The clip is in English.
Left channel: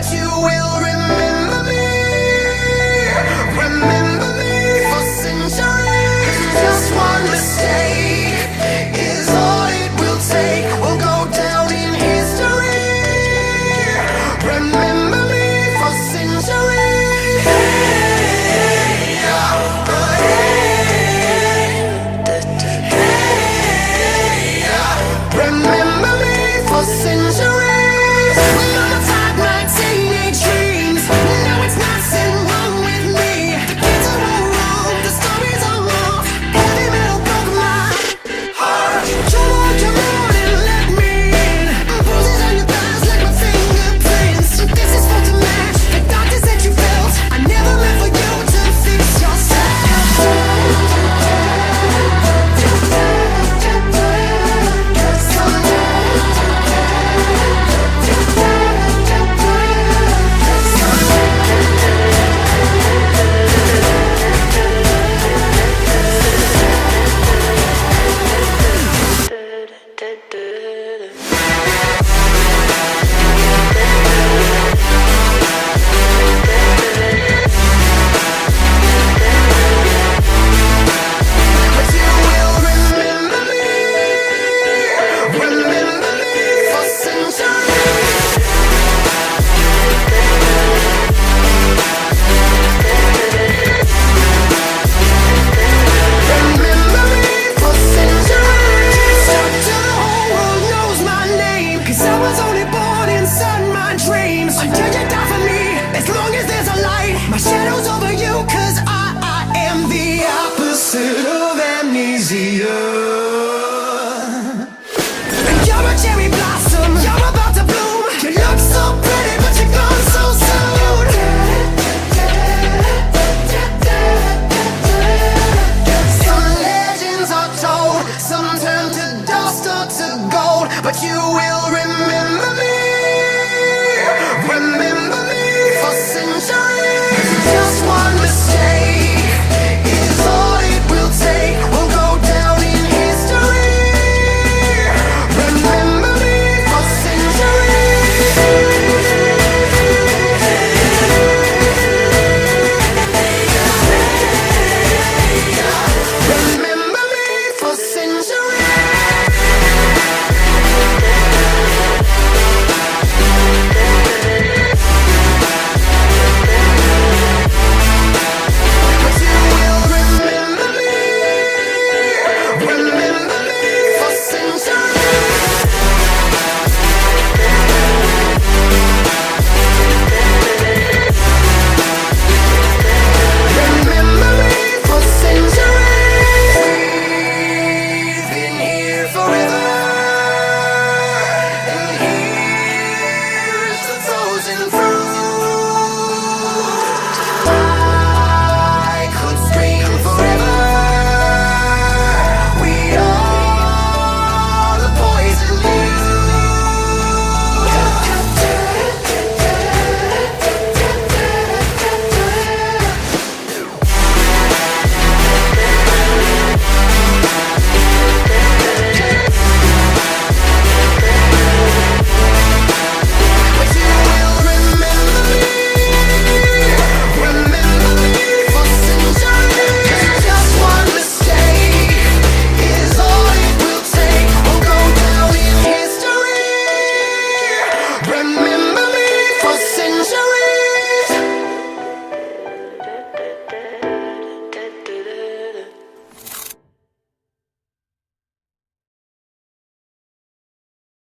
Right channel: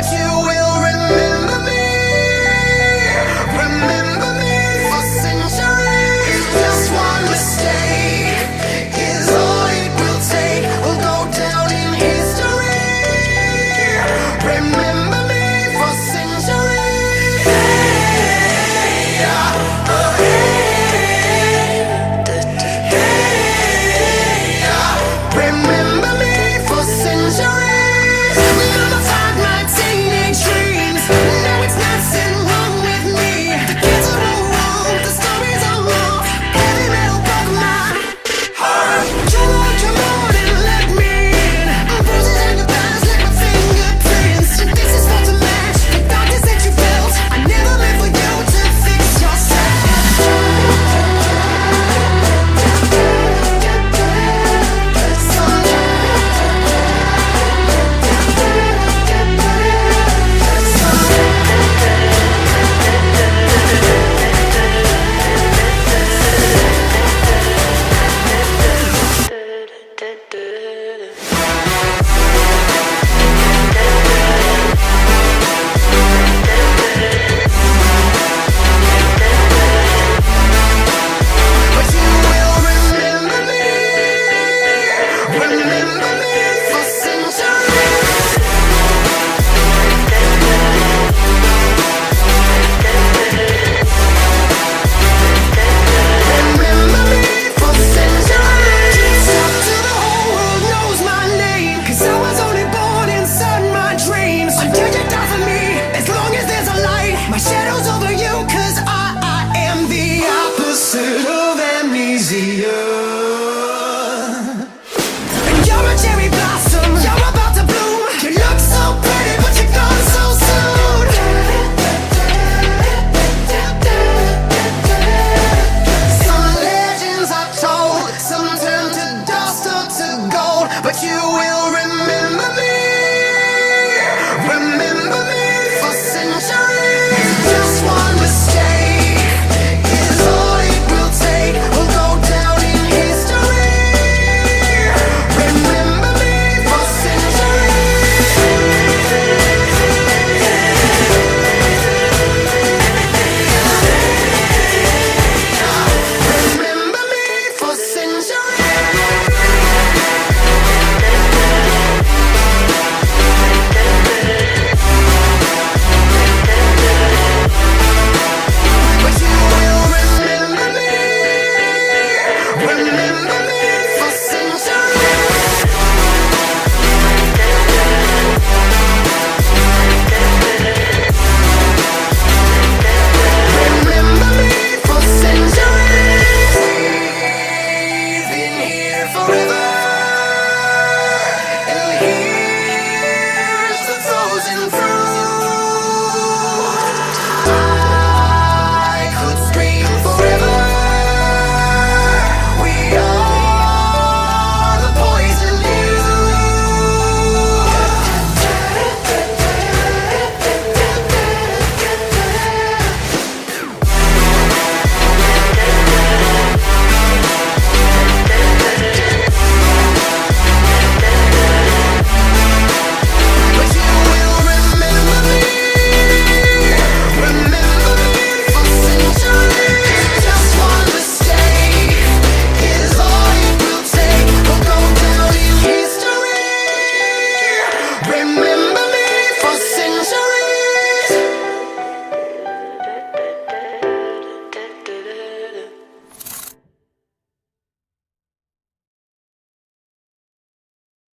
but you will remember me. Remember me for centuries. Just one mistake is all it will take. We'll go down in history. Remember me for centuries. Hey, yeah, hey, hey, yeah. Remember me for centuries. Mama tied my teenage dreams. No, it's nothing wrong with me. The kids are all wrong, the stories are wrong. Heavy metal broke my heart. Come on and let me in. Bruises on your thighs like my fingerprints. This is for to match the darkness that you felt. I never meant for you to fix but you will remember me. Remember me for centuries. Remember me for centuries. Stop till the whole world knows my name. 'Cause I was only born inside my dreams. Until you die for me, as long as there's a light, my shadow's over you. 'Cause I am the opposite of amnesia. And you're a cherry blossom, you're about to bloom. You look so pretty, but you're gone so soon. Some legends are told, some turn to dust or to gold, but you will remember me. Remember me for centuries.